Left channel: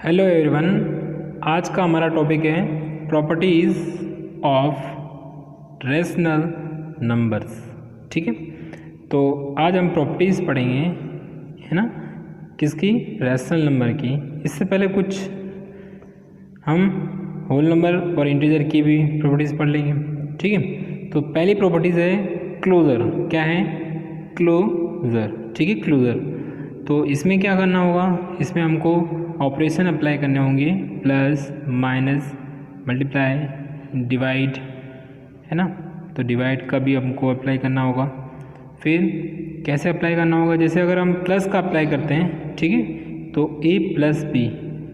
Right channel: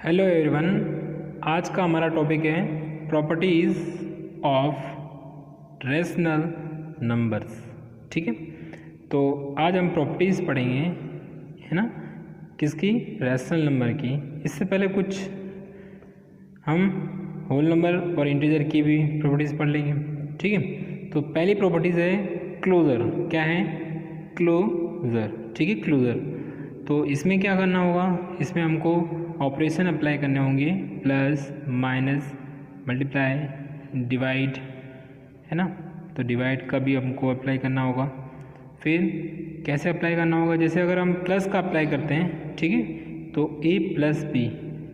Hello everyone, आज का हमारा टॉपिक है प्रॉपर्टीज़ ऑफ रेशनल नंबर्स। ठीक है, तो आज हम प्रॉपर्टीज़ पढ़ेंगे, है ना, किसकी? रेशनल नंबर की। इससे पहले कुछ हम होल नंबर और इंटीजर की भी प्रॉपर्टीज़ पढ़ लेंगे। ठीक है, तो पहली प्रॉपर्टीज़ है क्लोजर। क्या है? क्लोजर। ठीक है, क्लोजर। तो इसमें क्या करना होगा? इसमें हमको ऑपरेशन अप्लाई करने होंगे, प्लस माइनस मल्टीप्लाई डिवाइड, है ना। तो डिवाइड का भी हमको अप्लाई करना होगा। फिर कैसे अप्लाई करना होगा? जैसे अगर हम प्लस का अप्लाई करते हैं, ठीक है, तो a प्लस बी,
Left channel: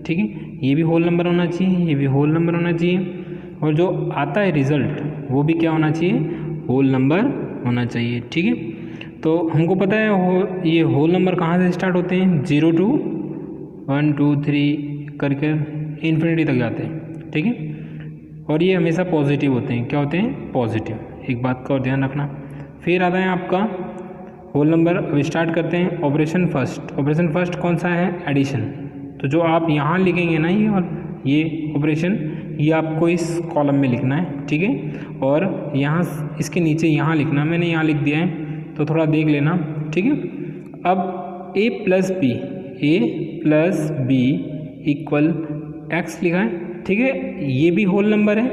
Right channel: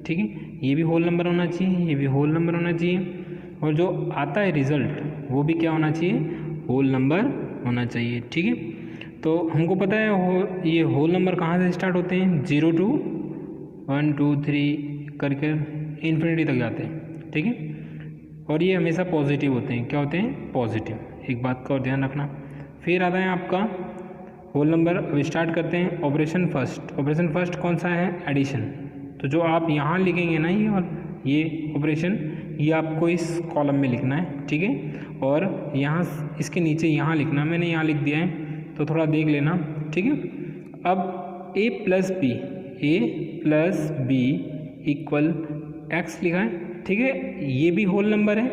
ठीक है, ये भी होल नंबर होना चाहिए, ये भी होल नंबर होना चाहिए, और जो आता है रिजल्ट वो भी क्या होना चाहिए? होल नंबर होना चाहिए। ठीक है, तो हमको पता है ये होल नंबर कहाँ से स्टार्ट होते हैं? 0 to 1 2 3 करके इन्फिनिटी तक जाते हैं। ठीक है, और ये हमेशा पॉजिटिव होते हैं। क्या होते हैं? पॉजिटिव। एक बात का और ध्यान रखना। फिर आता है आपका होल नंबर। अब स्टार्ट करते हैं ऑपरेशन फर्स्ट। ऑपरेशन फर्स्ट कौन सा है? एडिशन। तो जो आप यहाँ लिखेंगे ना, ये ऑपरेशन, ये आपको इस कॉलम में लिखना है। ठीक है, और यहाँ इसके नीचे यहाँ लिखना। मैंने यहाँ लिख दिया है, तो थोड़ा देख लेना। ठीक है, अब a plus b equal x लिखा है। ठीक है, ये भी होल नंबर है,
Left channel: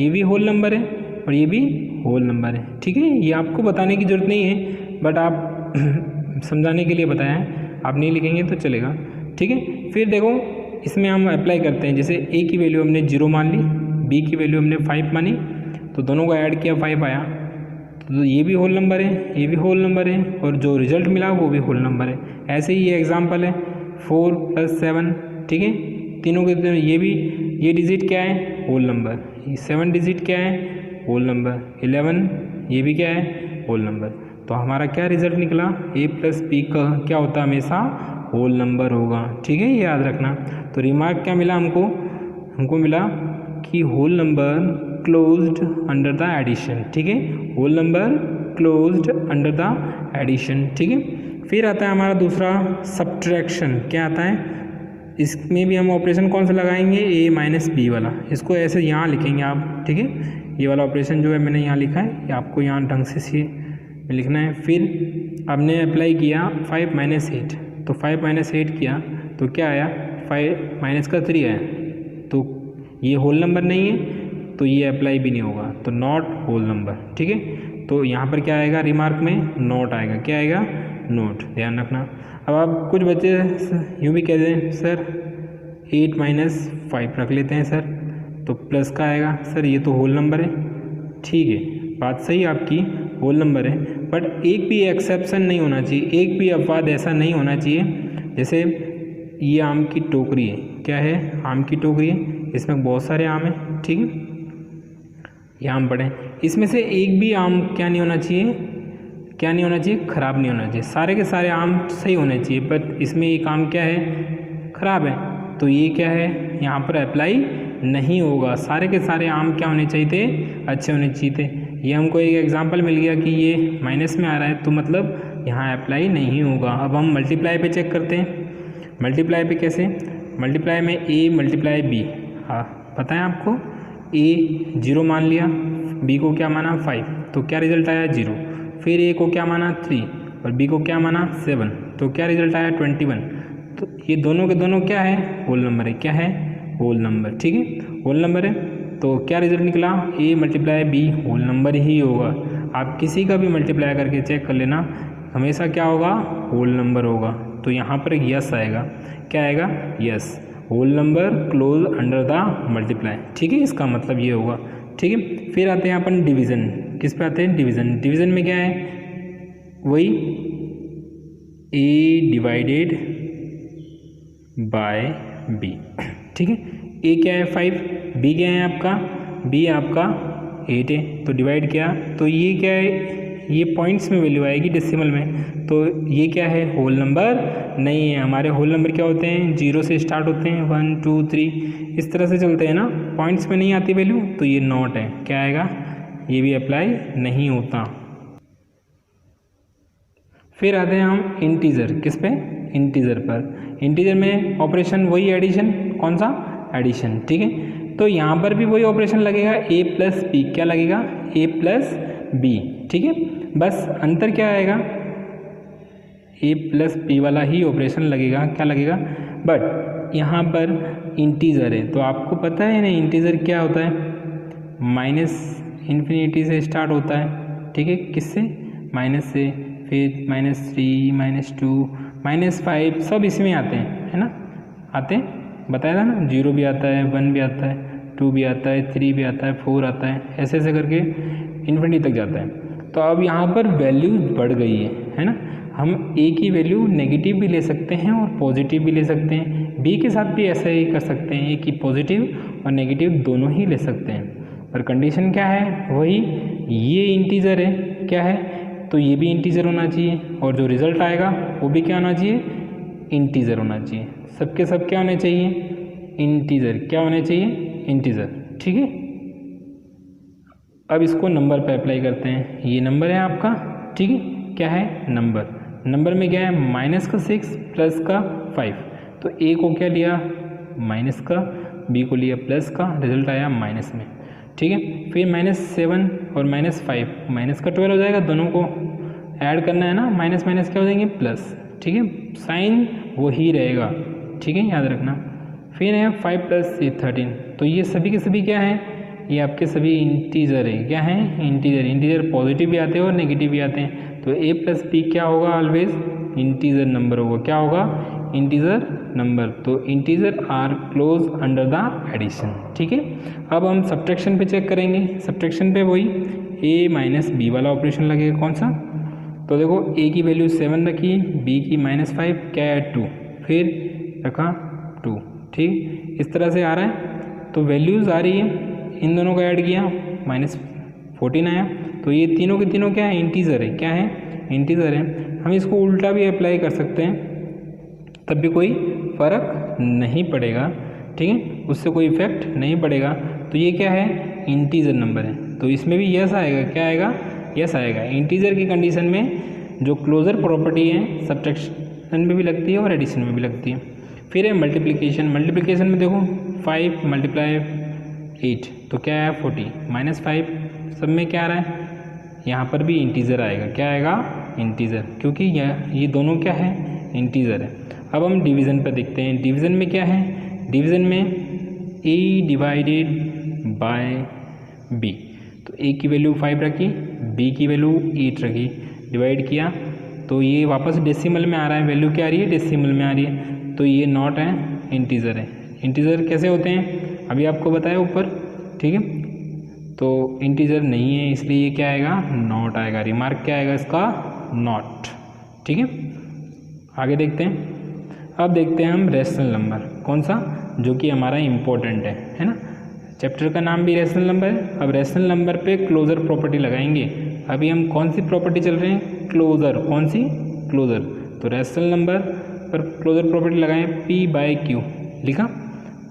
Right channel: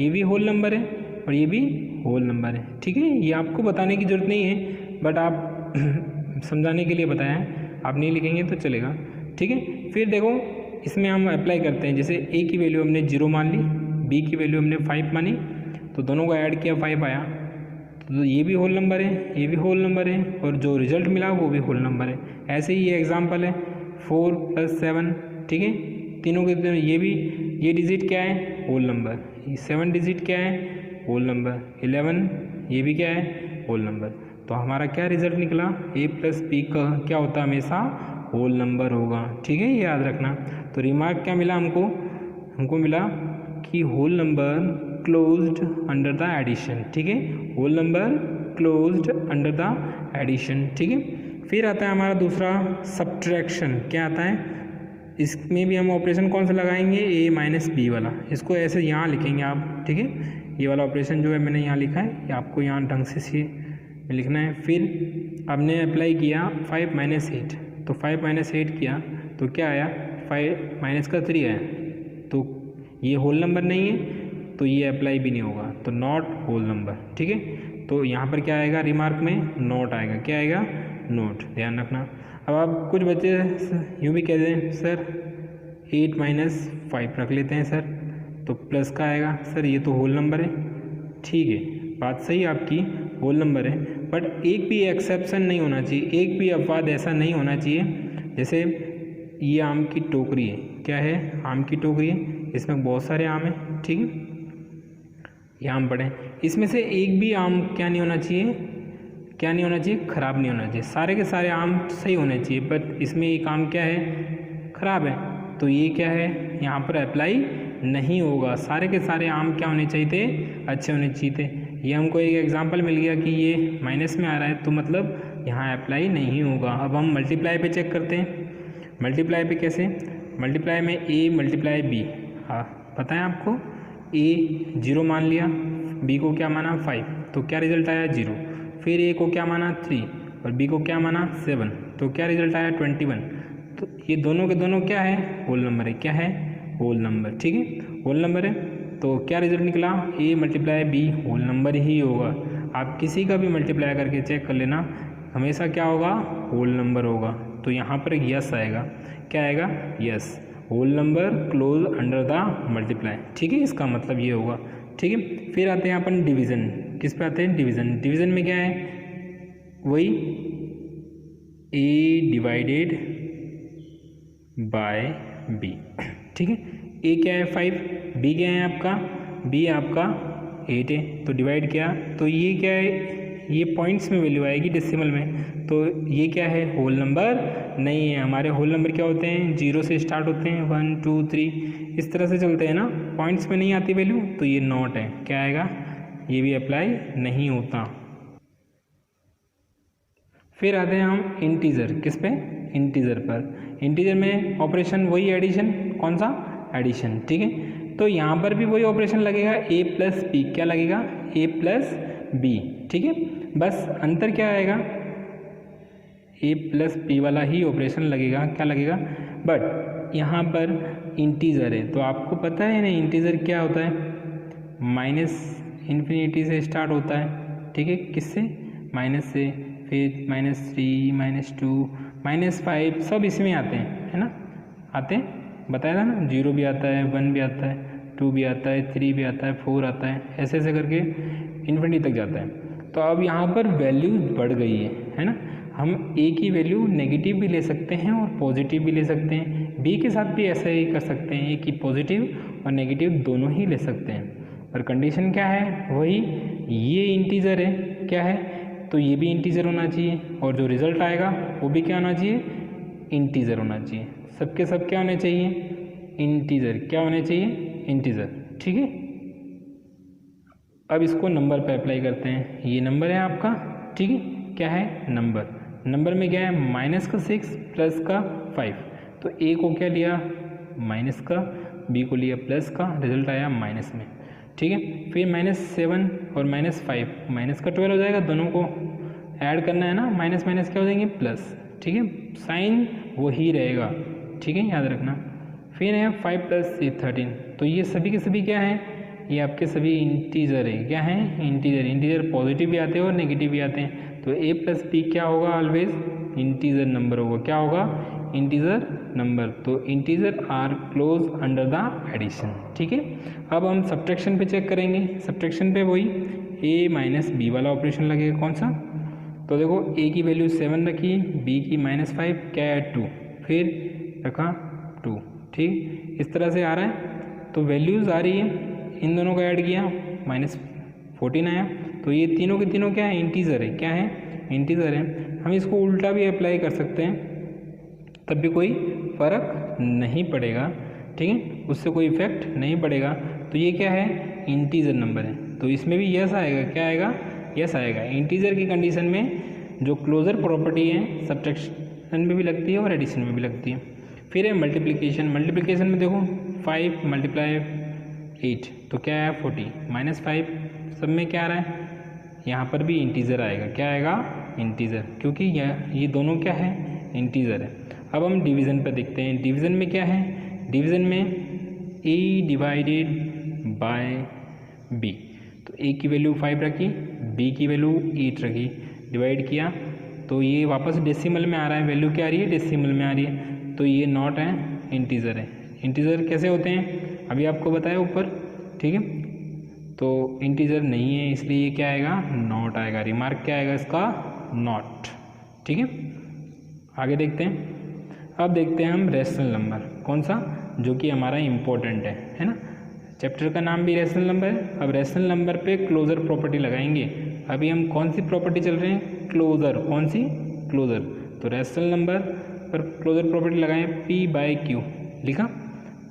ये भी होल नंबर है, और ये भी होल नंबर है। ठीक है, ये आपको बताने की ज़रूरत नहीं है, बट आप समझाने के लिए बताया है। आप नहीं लिखेंगे तो चलेगा। ठीक है, फिर देखो इसमें हम अप्लाई करते हैं। जैसे a की वैल्यू हमने 0 मान ली, b की वैल्यू हमने 5 मानी, तो दोनों को ऐड किया, 5 आया। तो ये भी होल नंबर है, ये भी होल नंबर है, और जो रिजल्ट मिला वो भी होल नंबर है। ऐसे ही ये एग्जांपल है 4 + 7। ठीक है, तीनों के तीनों, ये डिजिट क्या है? Whole number. 7 डिजिट क्या है? Whole number. 11 ये भी क्या है? Whole number. तो हमारा क्या रिजल्ट निकला? a प्लस बी का क्या होता है? हमेशा होल नंबर होगा। ठीक है, ये याद रखना। तो रिमार्क क्या मिला हमको मिला कि whole number closed under the addition. ठीक है, whole number closed under the addition. ठीक है, फिर आता है हमारा दूसरा सब्ट्रैक्शन। क्या आता है? इसमें भी हम ऑपरेशन कौन सा लगाएंगे? a माइनस बी वाला। इसको ऐसे यहाँ लिखेंगे आप। ठीक है, ये वाला ऑपरेशन जो है मैंने यहाँ लिखा है, ये आपको यहाँ ढंग से लिखना है। फिर हमने अप्लाई किया 5 - 8, तो 5 - 8 किया तो क्या आया? 5 माइनस का 3 आया। तो ये होल नंबर नहीं है, तो ये अप्लाई भी नहीं होगा, तो नॉट होल नंबर। ठीक है, तो यहाँ पर क्या आएगा? रिमार्क में नॉट आएगा। क्या आएगा? नॉट। ध्यान रखना। अब आप कुछ बच्चे यूँ भी कहते हैं, सर 8 - 5 रख लेते हैं सर, तो प्लस का आएगा। सर ये तो होल नंबर है। ठीक है, बात सही आपकी, होल नंबर है, बट एक भी एक्सेप्शन नहीं होना चाहिए, एक भी अपवाद ऐसा नहीं होना चाहिए। जैसे ये आम की टोकरी है। क्या है? आम की टोकरी है, इसमें बहुत सारे आम हैं। ठीक है, ये आम पड़े, इसमें से एक भी आम क्या नहीं होना चाहिए? क्या नहीं होना चाहिए? खराब नहीं होना चाहिए। सारे के सारे आम सही होने चाहिए, बट इसमें एक आम क्या है? खराब है, तो ये क्या है? यहाँ पर अप्लाई नहीं होगा। सारे के सारे आम क्या होने चाहिए थे? अच्छे होने चाहिए थे। ये हमको एक एग्जांपल मिल गया कि ये माइनस में आ रहा है, तो मतलब यहाँ अप्लाई नहीं होगा। अब हम मल्टीप्लाई पे चेक करते हैं। मल्टीप्लाई पे कैसे? मल्टीप्लाई में a मल्टीप्लाई b। हाँ, पता है आपको, a 0 मान लिया, b को क्या माना? 5, तो क्या रिजल्ट आया? 0। फिर a को क्या माना? 3, और b को क्या माना? 7, तो क्या रिजल्ट आया? 21। तो ये दोनों के दोनों क्या है? होल नंबर है। क्या है? Whole number. ठीक है, होल नंबर है, तो क्या रिजल्ट निकला? a multiply b whole number ही होगा। आप किसी का भी मल्टीप्लाई करके चेक कर लेना, हमेशा क्या होगा? होल नंबर होगा। तो यहाँ पर यस आएगा। क्या आएगा? Yes, whole number close under the multiply. ठीक है, इसका मतलब ये होगा। ठीक है, फिर आते हैं अपन डिवीज़न। किस पे आते हैं? डिवीज़न। डिवीज़न में क्या है? वही a डिवाइडेड बाय b। ठीक है, a क्या है? 5, b क्या है आपका? b आपका 8 है, तो डिवाइड किया, तो ये क्या है? ये पॉइंट्स में वैल्यू आएगी, डेसिमल में, तो ये क्या है? होल नंबर नहीं है। हमारे होल नंबर क्या होते हैं? 0 से स्टार्ट होते हैं, 1 2 3 इस तरह से चलते हैं ना, पॉइंट्स में नहीं आती वैल्यू, तो ये नॉट है। क्या आएगा? ये भी अप्लाई नहीं होता। फिर आते हैं हम इंटीजर। किस पे? इंटीजर पर। इंटीजर में ऑपरेशन वही एडिशन, कौन सा, एडिशन। ठीक है, तो यहाँ पर भी वही ऑपरेशन लगेगा, ए प्लस बी, क्या लगेगा, ए प्लस बी। ठीक है, बस अंतर क्या आएगा, ए प्लस बी वाला ही ऑपरेशन लगेगा, क्या लगेगा, बट यहाँ पर इंटीजर है तो आपको पता है ना इंटीजर क्या होता है, माइनस इन्फिनिटी से स्टार्ट होता है। ठीक है, किससे, माइनस से, फिर -3, -2, -5 सब इसमें आते हैं, है ना, आते हैं, बताया था ना, 0 भी आता है, 1 भी आता है, 2 भी आता है, 3 भी आता है, 4 आता है, ऐसे ऐसे करके इन्फिनिटी तक जाता है। तो अब यहाँ पर वैल्यू बढ़ गई है ना, हम ए की वैल्यू नेगेटिव भी ले सकते हैं और पॉजिटिव भी ले सकते हैं, बी के साथ भी ऐसा ही कर सकते हैं, ए की पॉजिटिव और नेगेटिव दोनों ही ले सकते हैं। पर कंडीशन क्या है, वही ये इंटीजर है, क्या है, तो ये भी इंटीजर होना चाहिए और जो रिजल्ट आएगा वो भी क्या होना चाहिए, इंटीजर होना चाहिए। सबके सब क्या होने चाहिए, इंटीजर, क्या होने चाहिए, इंटीजर। ठीक है, अब इसको नंबर पे अप्लाई करते हैं, ये नंबर है आपका। ठीक है, क्या है, नंबर, नंबर में क्या है, -6 प्लस का 5, तो ए को क्या लिया, माइनस का, बी को लिया प्लस का, रिजल्ट आया माइनस में। ठीक है, फिर -7 और -5, माइनस का 12 हो जाएगा, दोनों को ऐड करना है ना, माइनस माइनस क्या हो जाएंगे, प्लस। ठीक है, साइन वही रहेगा, ठीक है, याद रखना। फिर है 5 प्लस 13, तो ये सभी के सभी क्या है, ये आपके सभी इंटीजर है, क्या है, इंटीजर। इंटीजर पॉजिटिव भी आते हैं और नेगेटिव भी आते हैं, तो ए प्लस बी क्या होगा, ऑलवेज इंटीजर नंबर होगा, क्या होगा, इंटीजर नंबर। तो integer are close under the addition. ठीक है, अब हम सब्ट्रैक्शन पे चेक करेंगे, सब्ट्रैक्शन पे वही ए माइनस बी वाला ऑपरेशन लगेगा, कौन सा, तो देखो ए की वैल्यू 7 रखी, बी की -5, क्या है 2, फिर रखा 2। ठीक, इस तरह से आ रहा है, तो वैल्यूज़ आ रही है, इन दोनों को ऐड किया, -14 आया, तो ये तीनों के तीनों क्या है, इंटीजर है, क्या है, इंटीजर है। हम इसको उल्टा भी अप्लाई कर सकते हैं, तब भी कोई फ़र्क नहीं पड़ेगा। ठीक है, उससे कोई इफेक्ट नहीं पड़ेगा। तो ये क्या है, इंटीजर नंबर है, तो इसमें भी यस आएगा, क्या आएगा, यस आएगा। इंटीजर की कंडीशन में जो क्लोजर प्रॉपर्टी है सब्ट्रैक्शन में भी लगती है और एडिशन में भी लगती है। फिर है मल्टीप्लिकेशन, मल्टीप्लिकेशन में देखो 5 × 8, तो क्या है 40, -5, सब में क्या आ रहा है, यहाँ पर भी इंटीजर आएगा, क्या आएगा, इंटीजर, क्योंकि ये दोनों क्या है, इंटीजर है। अब हम डिवीज़न पर देखते हैं, डिवीज़न में क्या है, डिवीज़न में a डिवाइडेड बाय b, तो a की वैल्यू 5 रखी, b की वैल्यू 8 रखी, डिवाइड किया, तो ये वापस डेसिमल में आ रहा है, वैल्यू क्या आ रही है, डेसिमल में आ रही है, तो ये नॉट है, इंटीजर है। इंटीजर कैसे होते हैं, अभी आपको बताया ऊपर। ठीक है, तो इंटीजर नहीं है, इसलिए ये क्या आएगा, नॉट आएगा, रिमार्क क्या आएगा इसका, नॉट। ठीक है, आगे देखते हैं। अब देखते हैं हम रेशनल नंबर, कौन सा, जो कि हमारा इम्पोर्टेंट है ना, चैप्टर का नाम भी रेशनल नंबर है। अब रेशनल नंबर पे क्लोजर प्रॉपर्टी लगाएंगे। अभी हम कौन सी प्रॉपर्टी चल रहे हैं, क्लोजर, कौन सी, क्लोजर। तो रेशनल नंबर पर क्लोजर प्रॉपर्टी लगाएं, p/q लिखा,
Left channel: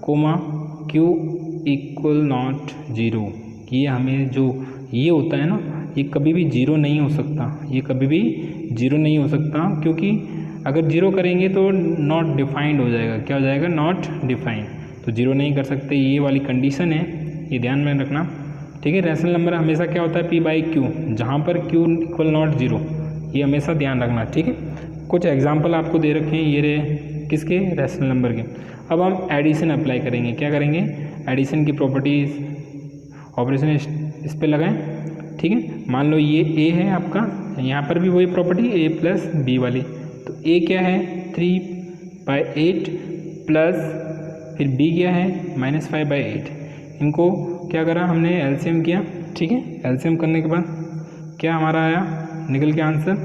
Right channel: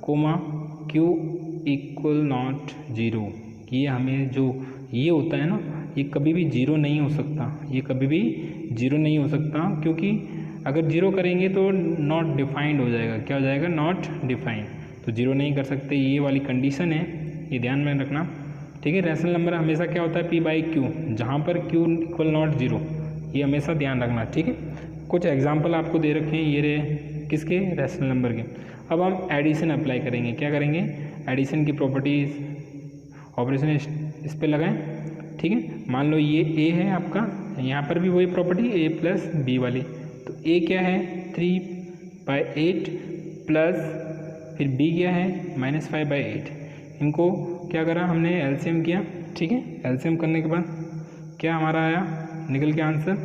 कोमा q = नॉट 0। ये हमें जो ये होता है ना, ये कभी भी 0 नहीं हो सकता, ये कभी भी 0 नहीं हो सकता, क्योंकि अगर 0 करेंगे तो नॉट डिफाइंड हो जाएगा, क्या हो जाएगा, नॉट डिफाइंड, तो 0 नहीं कर सकते, ये वाली कंडीशन है, ये ध्यान में रखना। ठीक है, रेशनल नंबर हमेशा क्या होता है, p/q, जहाँ पर q = नॉट 0, ये हमेशा ध्यान रखना। ठीक है, कुछ एग्जाम्पल आपको दे रखे हैं, ये रहे किसके, रेशनल नंबर के। अब हम एडिशन अप्लाई करेंगे, क्या करेंगे, एडिशन की प्रॉपर्टीज ऑपरेशन इस पे लगाएं। ठीक है, मान लो ये a है आपका, यहाँ पर भी वही प्रॉपर्टी a प्लस b वाली, तो a क्या है 3/8 प्लस फिर b क्या है -5/8, इनको क्या करा हमने, एलसीएम किया। ठीक है, एलसीएम करने के बाद क्या हमारा आया, निकल के आंसर,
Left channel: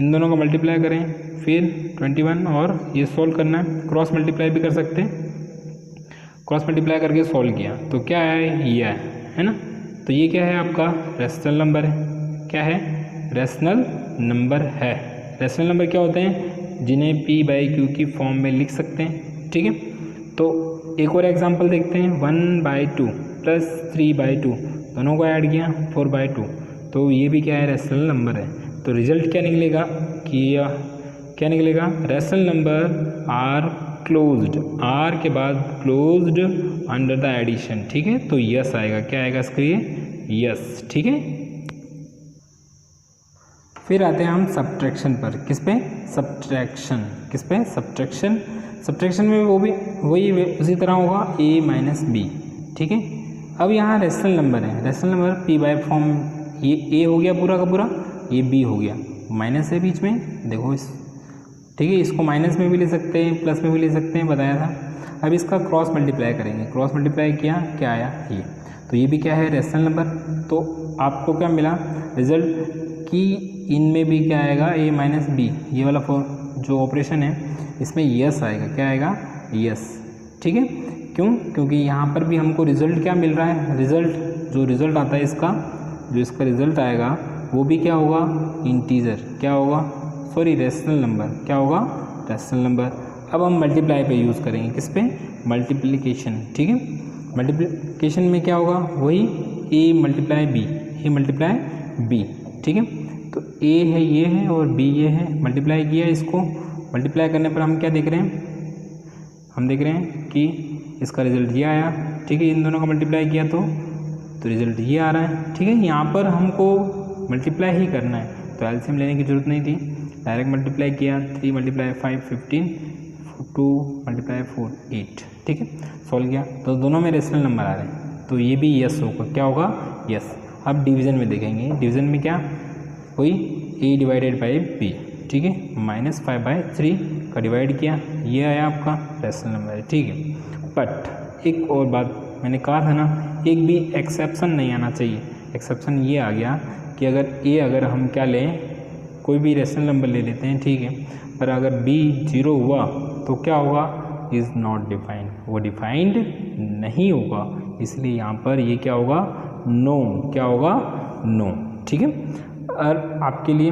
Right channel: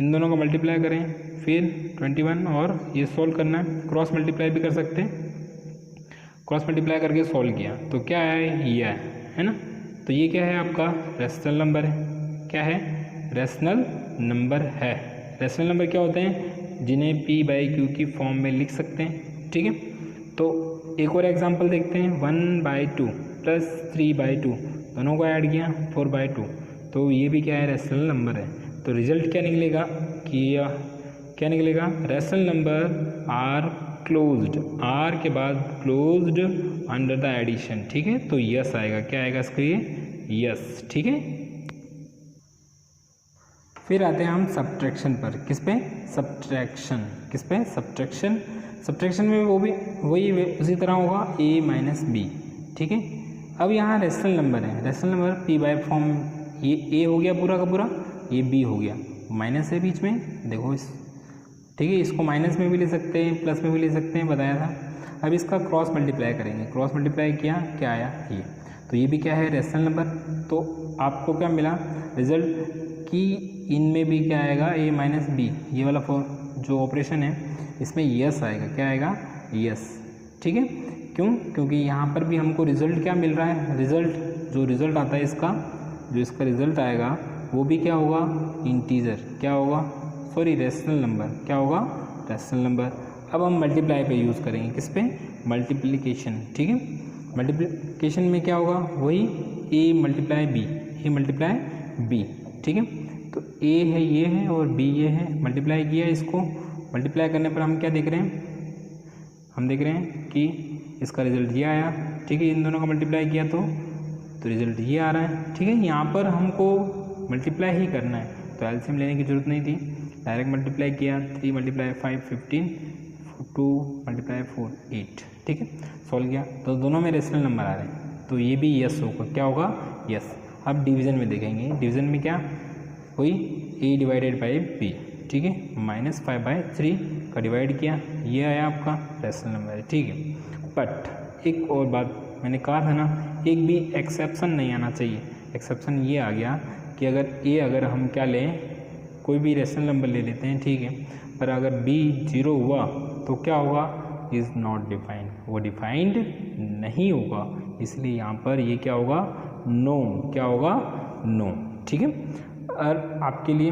इन दोनों का मल्टीप्लाई करें, फिर 21 और ये सोल्व करना है, क्रॉस मल्टीप्लाई भी कर सकते हैं, क्रॉस मल्टीप्लाई करके सोल्व किया तो क्या है, ये है ना। तो ये क्या है आपका, रेशनल नंबर है, क्या है, रेशनल नंबर है। रेशनल नंबर क्या होते हैं, जिन्हें p/q की फॉर्म में लिख सकते हैं। ठीक है, तो एक और एग्जांपल देखते हैं, 1/2 प्लस 3/2, दोनों को ऐड किया 4/2, तो ये भी क्या है, रेशनल नंबर है। तो रिजल्ट क्या निकलेगा कि क्या निकलेगा, rational number are closed, are के बाद क्लोज्ड अंडर द एडिशन, ठीक है। तो यस आएगा, क्या आएगा इसके लिए, यस, ठीक है। फिर आते हैं हम सब्ट्रैक्शन पर, किस पे, सब्ट्रैक्शन, किस पे, सब्ट्रैक्शन। सब्ट्रैक्शन में वो भी वही उसी तरह होगा a माइनस बी, ठीक है। अब यहाँ रेशनल नंबर है, rational number p by form, ये a हो गया पूरा का पूरा, ये b हो गया, माइनस है बीच में, देखो इस, ठीक है। इसको माइनस में भी ले सकते हैं, प्लस में भी ले सकते हैं, बताया था। अब इसका क्रॉस मल्टीप्लाई करेंगे, क्रॉस मल्टीप्लाई किया, क्या आया, ये। तो ये भी क्या है, रेशनल नंबर। तो आपको क्या मिला रिजल्ट कि इनमें भी क्या आएगा, a माइनस बी, ये वाला जो ऑपरेशन है इसमें यस आएगा, क्या आएगा, यस, ठीक है। क्यों, क्योंकि यहाँ पर भी हमको रिजल्ट क्या मिल रहा है, रिजल्ट जो रिजल्ट आता है इसका, जो इसका रिजल्ट आएगा वो भी क्या होगा, इंटीजर, क्या होगा, सॉरी रेशनल नंबर, क्या होगा, रेशनल नंबर। अब हम मल्टीप्लाई पे यूज़ करेंगे, किस पे, मल्टीप्लिकेशन, ठीक है। मल्टीप्लिकेशन में क्या होगा, वही a multiply b, a multiply b, ठीक है। तो a है ये है और b ये है, मल्टीप्लाई किया, इसको मल्टीप्लाई करने पर हम क्या देख रहे हैं, हम देख रहे हैं कि इसका रिजल्ट ये आया, ठीक है। इन दोनों का मल्टीप्लाई किया तो रिजल्ट ये आ रहा है, ठीक है। यहाँ पर हमको मल्टीप्लाई ही करना है, तो एलसीएम लेने की जरूरत नहीं थी, डायरेक्ट मल्टीप्लाई किया, 3 मल्टीप्लाई 5 15, 2 मल्टीप्लाई 4 8, ठीक है। सॉल्व किया तो दोनों में रेशनल नंबर आ रहे हैं, तो ये भी यस होगा, क्या होगा, यस। अब डिवीज़न में देखेंगे, डिवीज़न में क्या, वही a डिवाइडेड बाई b, ठीक है, -5/3 का डिवाइड किया, ये आया आपका रेशनल नंबर है, ठीक है। बट एक और बात मैंने कहा था ना, एक भी एक्सेप्शन नहीं आना चाहिए। एक्सेप्शन ये आ गया कि अगर हम क्या लें, कोई भी रेशनल नंबर ले लेते हैं, ठीक है, पर अगर b 0 हुआ तो क्या होगा, इज़ नॉट डिफाइंड, वो डिफाइंड नहीं होगा, इसलिए यहाँ पर ये क्या होगा, नो, क्या होगा, नो, ठीक है। और आपके लिए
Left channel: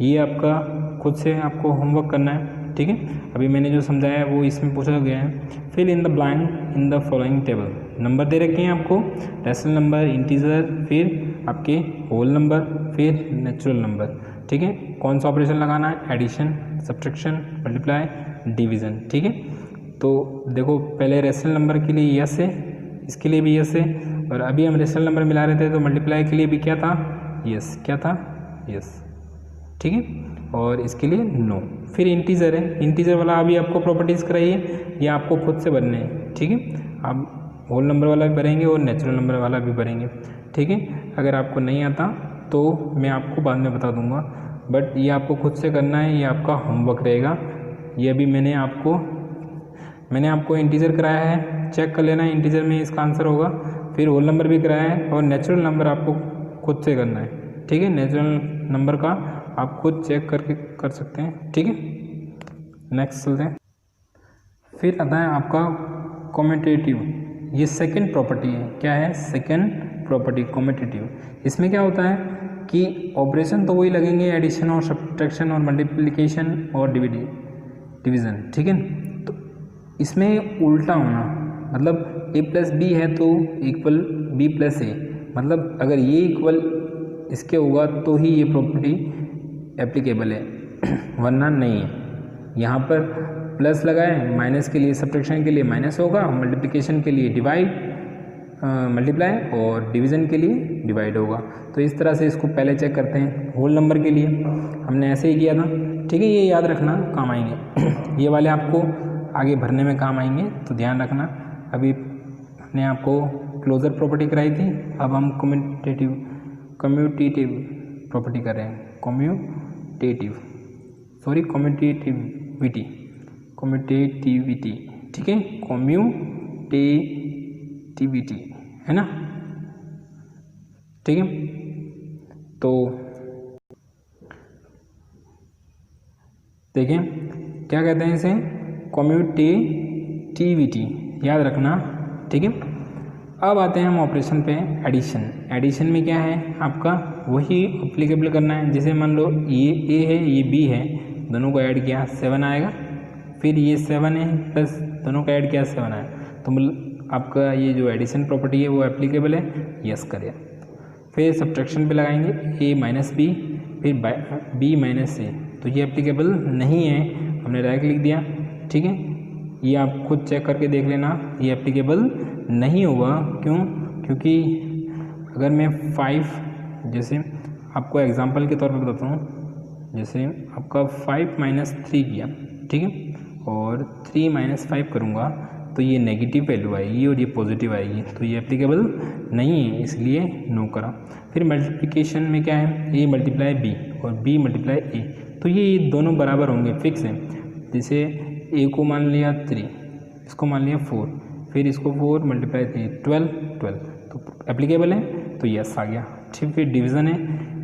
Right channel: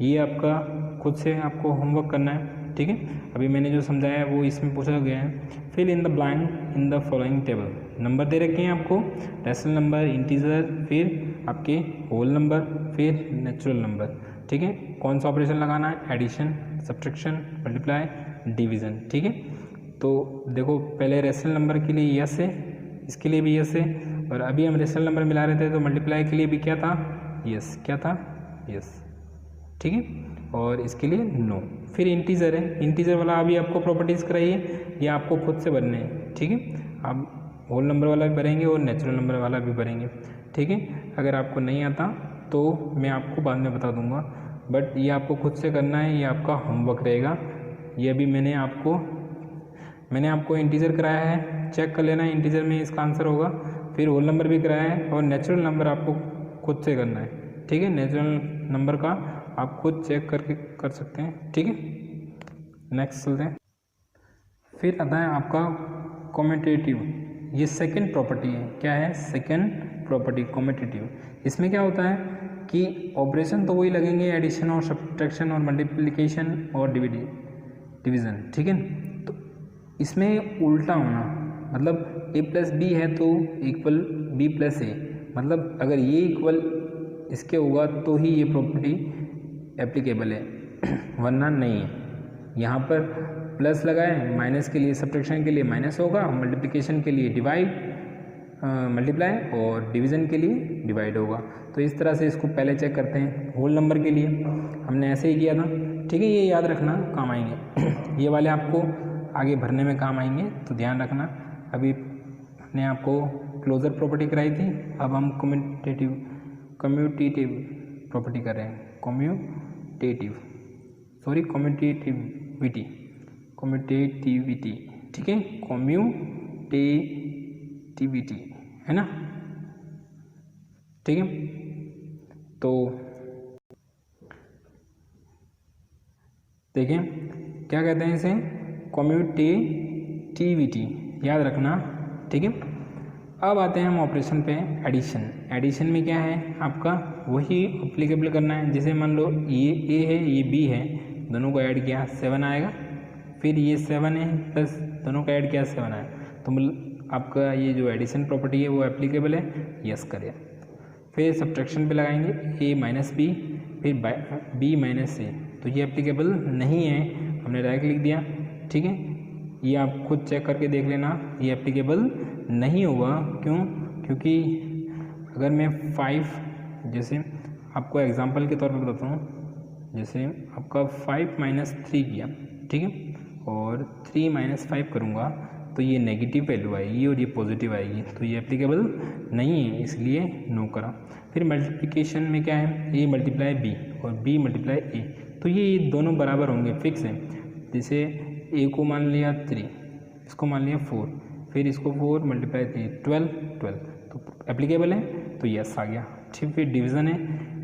ये आपका खुद से आपको होमवर्क करना है, ठीक है। अभी मैंने जो समझाया है वो इसमें पूछा गया है, fill in the blank in the following table. Number दे रखे हैं आपको, रेशनल नंबर, इंटीजर, फिर आपके होल नंबर, फिर नेचुरल नंबर, ठीक है। कौन सा ऑपरेशन लगाना है, एडिशन, सब्ट्रैक्शन, मल्टीप्लाई, डिवीज़न, ठीक है। तो देखो पहले रेशनल नंबर के लिए यस है, इसके लिए भी यस है, और अभी हम रेशनल नंबर मिला रहे थे तो मल्टीप्लाई के लिए भी क्या था, यस, क्या था, यस, ठीक है। और इसके लिए नो। फिर इंटीजर है, इंटीजर वाला अभी आपको प्रॉपर्टीज़ कराई है, ये आपको खुद से भरने हैं, ठीक है। आप होल नंबर वाला भी भरेंगे और नेचुरल नंबर वाला भी भरेंगे, ठीक है। अगर आपको नहीं आता तो मैं आपको बाद में बता दूंगा, बट ये आपको खुद से करना है, ये आपका होमवर्क रहेगा। ये अभी मैंने आपको इंटीजर कराया है, चेक कर लेना, इंटीजर में इसका आंसर होगा। फिर होल नंबर भी कराया है और नेचुरल नंबर आपको खुद से करना है, ठीक है। नेचुरल नंबर का आप खुद चेक करके कर सकते हैं, ठीक है। नेक्स्ट चलते हैं। फिर आता है आपका कम्यूटेटिव, ये सेकंड प्रॉपर्टी है, क्या है, सेकंड प्रॉपर्टी कम्यूटेटिव। इसमें क्या होता है कि ऑपरेशन तो वही लगेंगे, एडिशन और सब्ट्रैक्शन और मल्टीप्लिकेशन और डिवीज़न, ठीक है। तो इसमें उल्टा होना, मतलब a प्लस बी है तो इक्वल b प्लस ए, मतलब अगर ये इक्वल इसके होगा तो ही ये प्रॉपर्टी एप्लीकेबल है, वरना नहीं है। यहाँ पर प्लस लगाए, माइनस के लिए, सब्ट्रैक्शन के लिए माइनस होगा, मल्टीप्लिकेशन के लिए मल्टीप्लाई और डिवीज़न के लिए डिवाइड होगा। तो इस तरह से इसको पहले चेक करते हैं। होल नंबर के लिए हमने ऐसे ही किया था, ठीक है, ये याद रखना, काम आएंगे ये वाले, आपको आगे भरने में काम आएंगे, तो ध्यान रखना। अभी हमने आपको क्लोजर प्रॉपर्टी कराई थी, अब हम कम्यूटेटिव प्रॉपर्टी कर रहे हैं, कम्यूटेटिविटी, ठीक है, कम्यूटेटिविटी है ना, ठीक है। तो देखिए क्या कहते हैं इसे, कम्यूटेटिविटी, याद रखना, ठीक है। अब आते हैं हम ऑपरेशन पे, एडिशन। एडिशन में क्या है आपका, वही अप्लीकेबल करना है। जैसे मान लो ये a है, ये b है, दोनों को ऐड किया 7 आएगा, फिर ये 7 है प्लस दोनों को ऐड किया 7 आएगा, तो आपका ये जो एडिशन प्रॉपर्टी है वो एप्लीकेबल है, यस करिए। फिर सब्ट्रैक्शन पे लगाएंगे a माइनस बी, फिर b माइनस ए, तो ये एप्लीकेबल नहीं है, हमने डायरेक्ट लिख दिया। ठीक है, ये आप खुद चेक करके देख लेना, ये एप्लीकेबल नहीं होगा। क्यों? क्योंकि अगर मैं 5, जैसे आपको एग्जांपल के तौर पे बताता हूँ, जैसे आपका 5 - 3 किया, ठीक है, और 3 - 5 करूँगा तो ये नेगेटिव वैल्यू आएगी और ये पॉजिटिव आएगी, तो ये एप्लीकेबल नहीं है, इसलिए नो करा। फिर मल्टीप्लिकेशन में क्या है, ए मल्टीप्लाई बी और बी मल्टीप्लाई ए, तो ये दोनों बराबर होंगे, फिक्स है। जैसे ए को मान लिया 3, इसको मान लिया 4, फिर इसको 4 × 3 12, तो एप्लीकेबल है, तो यस आ गया। ठीक, फिर डिवीज़न है,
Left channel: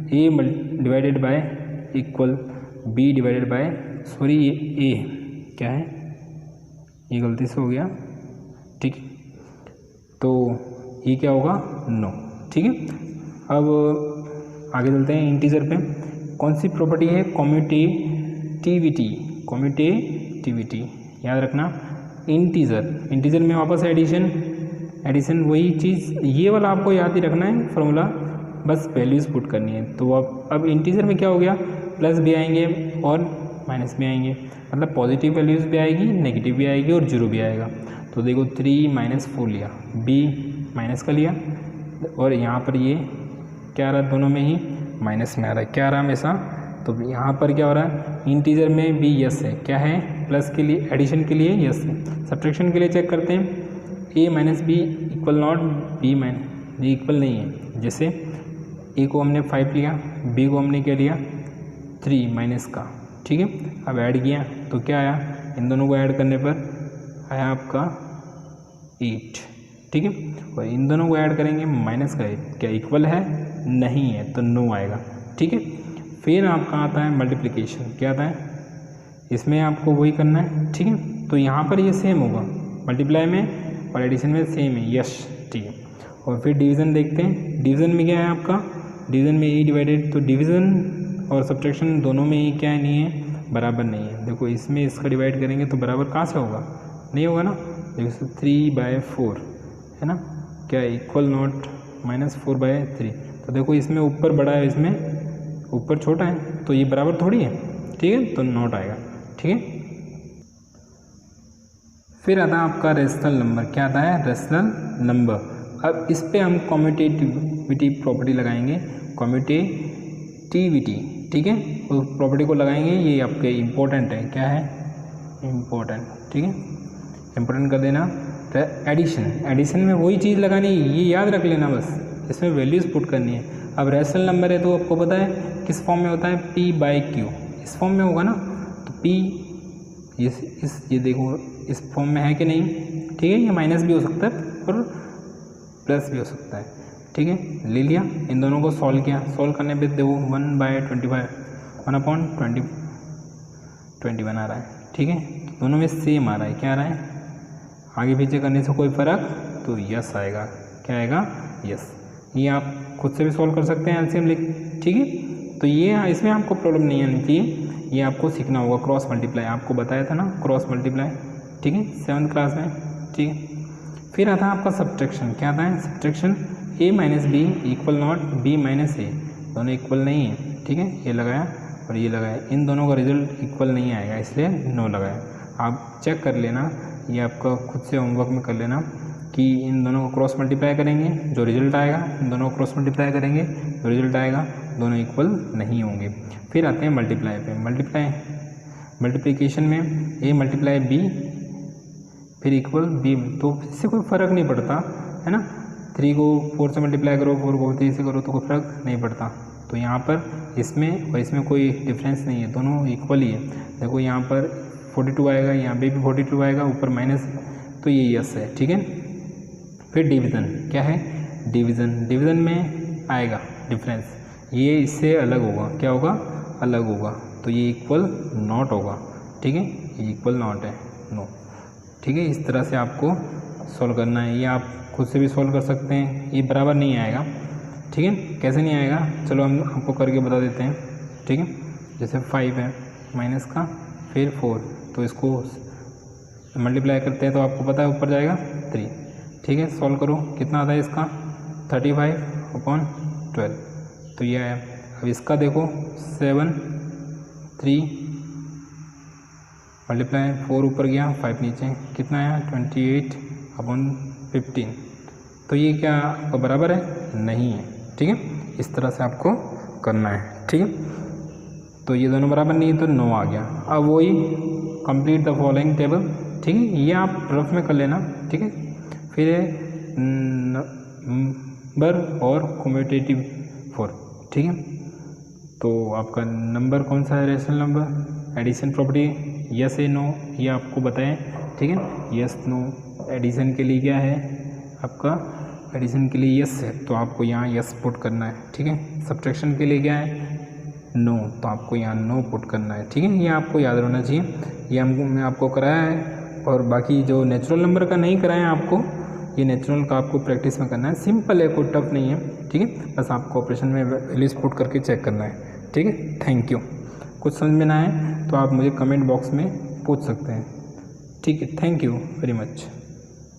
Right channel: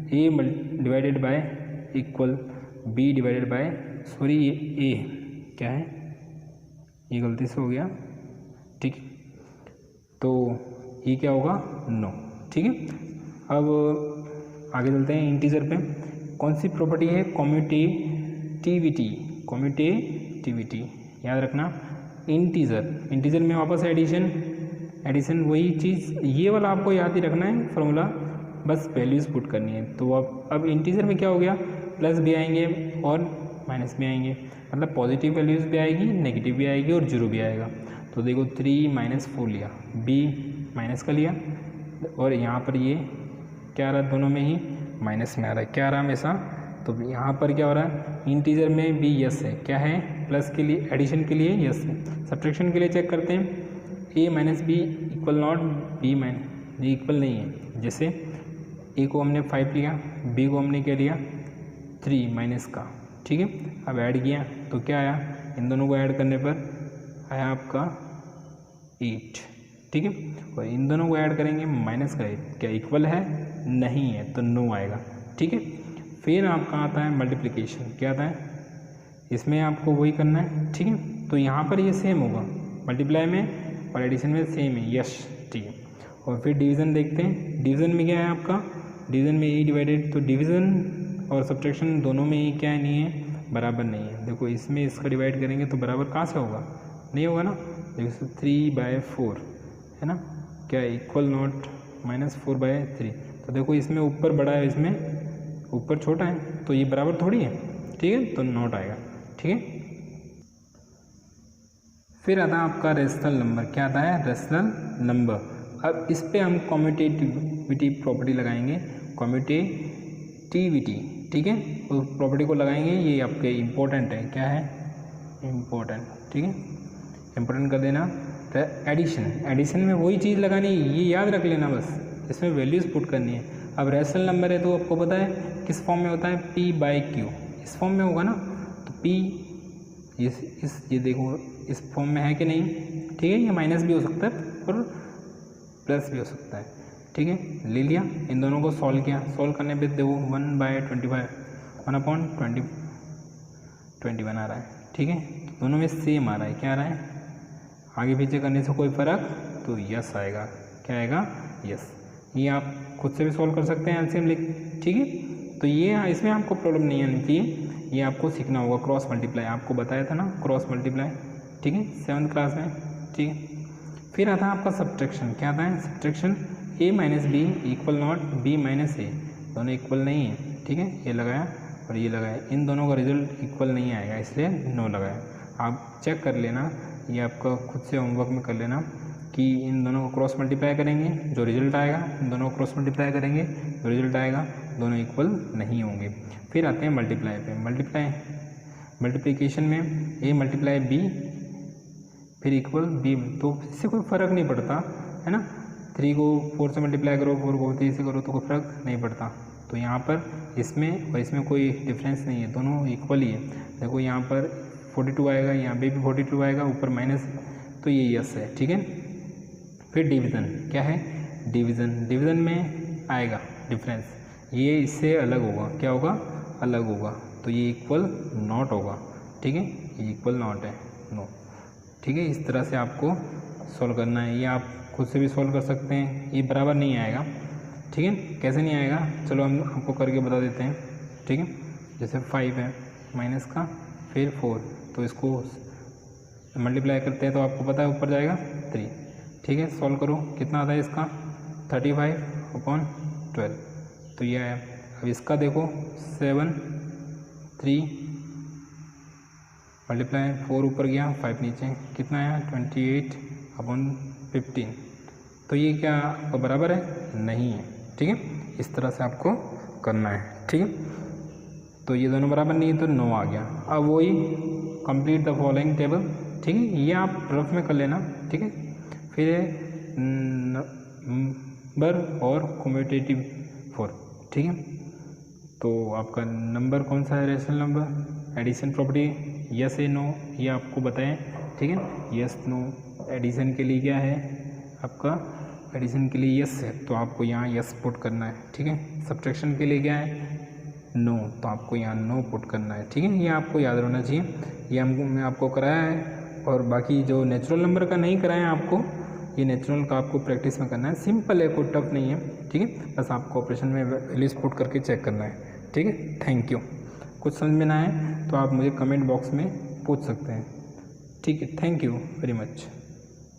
a divided by equal b divided by, sorry ये ए क्या है, ये गलती से हो गया, ठीक, तो ये क्या होगा, नो। ठीक है, अब आगे चलते हैं इंटीजर पे। कौन सी प्रॉपर्टी है, कम्यूटेटिविटी, याद रखना। इंटीजर में वापस एडिशन वही चीज़, ये वाला आपको याद ही रखना है फॉर्मूला, बस वैल्यूज़ पुट करनी है। तो अब इंटीजर में क्या हो गया, प्लस भी आएंगे और माइनस भी आएंगे, मतलब पॉजिटिव वैल्यूज़ भी आएगी, नेगेटिव भी आएगी और जीरो भी आएगा। तो देखो 3 - 4 लिया, बी माइनस का लिया, और यहाँ पर ये क्या आ रहा है, दोनों में ही माइनस में आ रहा है, क्या आ रहा है हमेशा, तो यहाँ पर क्या हो रहा है, इंटीजर में भी यस है, क्या है, प्लस के लिए, एडिशन के लिए यस है। सब्ट्रैक्शन के लिए चेक करते हैं, a minus b equal not b equal नहीं है। जैसे ए को हमने 5 लिया, बी को हमने क्या लिया 3 माइनस का, ठीक है, अब ऐड किया तो क्या आया, इन दोनों को ऐड करने पर आया आपका 8, ठीक है, और इन दोनों को ऐड करेंगे माइनस का 8, क्या इक्वल है, नहीं है, तो नो आएगा। ठीक है, फिर आपका आता है मल्टीप्लिकेशन, क्या आता है, इसमें आपको वही करना है। ठीक है, तो यहाँ पर ये सेम होगा, मल्टीप्लाई में और एडिशन में सेम है, यस, ठीक है। और फिर डिवीज़न देखते हैं, डिवीज़न में क्या है आपका, डिवीज़न में ए डिवाइडेड, तो डिवीज़न और सब्ट्रैक्शन दोनों में ही क्या नहीं है, बराबर नहीं है। देखो इसमें इसका डिवाइड करेंगे तो बराबर कहाँ से होगा, नहीं होगा ना। देखो 3/4 है ना, क्या इक्वल नॉट -4/3, तो देखो इसमें ऊपर बड़ा है, इसमें ऊपर छोटा है, तो ये बराबर थोड़ी है, ठीक है, तो नॉट आएगा। ठीक है, फिर आता है आपका रेशनल नंबर, क्या आता है, रेशनल नंबर। अब इस पे हम कम्यूटेटिविटी प्रॉपर्टी लगाएंगे, कम्यूटेटिविटी, ठीक है, तो प्रॉपर्टी को लगाएंगे, ये आपके इम्पोर्टेंट है, क्या है, इम्पोर्टेंट, ठीक है, इम्पोर्टेंट कर देना। एडिशन में वही चीज़ लगानी है, ये याद रख लेना, बस इसमें वैल्यूज़ पुट करनी है। अब रेशनल नंबर है तो आपको पता है किस फॉर्म में होता है, P/Q, इस फॉर्म में होगा ना, तो P ये देखो इस फॉर्म में है कि नहीं, ठीक है, ये माइनस भी हो सकता है और प्लस भी हो सकता है। ठीक है, ले लिया, इन दोनों को सॉल्व किया, सॉल्व करने पे देखो 1/25 1/21 आ रहा है। ठीक है, दोनों में सेम आ रहा है, क्या आ रहा है, आगे पीछे करने से कोई फ़र्क, तो यस आएगा, क्या आएगा, यस। ये आप खुद से भी सॉल्व कर सकते हैं एलसीएम लिख, ठीक है, तो ये इसमें आपको प्रॉब्लम नहीं आनी चाहिए, ये आपको सीखना होगा। क्रॉस मल्टीप्लाई आपको बताया था ना, क्रॉस मल्टीप्लाई, ठीक है, 7th क्लास में, ठीक है। फिर आता है आपका सब्ट्रैक्शन, क्या आता है, subtraction, a - b equal not b - a, दोनों इक्वल नहीं है, ठीक है, ये लगाया और ये लगाया, इन दोनों का रिजल्ट इक्वल नहीं आएगा, इसलिए नो लगाया। आप चेक कर लेना, ये आपका खुद से होमवर्क में कर लेना कि इन दोनों को क्रॉस मल्टीप्लाई करेंगे, जो रिजल्ट आएगा, इन दोनों को क्रॉस मल्टीप्लाई करेंगे, जो रिजल्ट आएगा, दोनों इक्वल नहीं होंगे। फिर आते हैं मल्टीप्लाई पे, मल्टीप्लिकेशन में a × b फिर इक्वल b, तो इससे कोई फ़र्क नहीं पड़ता है ना, 3 को 4 से मल्टीप्लाई करो, 4 को 3 से करो, तो कोई फ़र्क नहीं पड़ता। तो यहाँ पर इसमें और इसमें कोई डिफरेंस नहीं है, दोनों इक्वल ही है। देखो यहाँ पर 42 आएगा, यहाँ पे भी 42 आएगा, ऊपर माइनस, तो ये यस है, ठीक है। फिर डिवीज़न, क्या है, डिवीज़न में आएगा डिफरेंस, ये इससे अलग होगा, क्या होगा, अलग होगा, तो ये इक्वल नॉट होगा, ठीक है, ये इक्वल नॉट है, नो, ठीक है। इस तरह से आपको सॉल्व करना है, ये आप खुद से भी सॉल्व कर सकते हैं, ये बराबर नहीं आएगा, ठीक है, कैसे नहीं आएगा, चलो हम आपको करके बता देते हैं, ठीक है। जैसे 5 है माइनस का, फिर 4, तो इसको मल्टीप्लाई करते हैं तो आपको पता है ऊपर जाएगा 3, ठीक है, सॉल्व करो, कितना आता है इसका 35/12, तो ये है। अब इसका देखो 7 3 मल्टीप्लाई 4 ऊपर गया 5 नीचे, कितना आया 28/15। तो ये क्या आपका बराबर है? नहीं है। ठीक है, इस तरह से आपको करना है। ठीक है, तो ये दोनों बराबर नहीं है तो 9 आ गया। अब वही कंप्लीट द फॉलोइंग टेबल। ठीक है, ये आप रफ में कर लेना। ठीक है, फिर नंबर और कम्यूटेटिव 4। ठीक है, तो आपका नंबर कौन सा है? Rational number. Addition property yes है नो ये आपको बताएं। ठीक है, यस नो। एडिशन के लिए क्या है आपका? एडिशन के लिए यस है तो आपको यहाँ यस पुट करना है। ठीक है, सब्ट्रैक्शन के लिए क्या है? नो, तो आपको यहाँ नो पुट करना है। ठीक है, ये आपको याद रहना चाहिए। ये हमने आपको कराया है, और बाकी जो नेचुरल नंबर का नहीं कराया आपको, ये नेचुरल का आपको प्रैक्टिस में करना है। सिंपल है, कोई टफ नहीं है। ठीक है, बस आपको ऑपरेशन में वैल्यूज पुट करके चेक करना है। ठीक है, थैंक यू। कुछ समझ में ना आए तो आप मुझे कमेंट बॉक्स में पूछ सकते हैं। ठीक है, थैंक यू वेरी मच।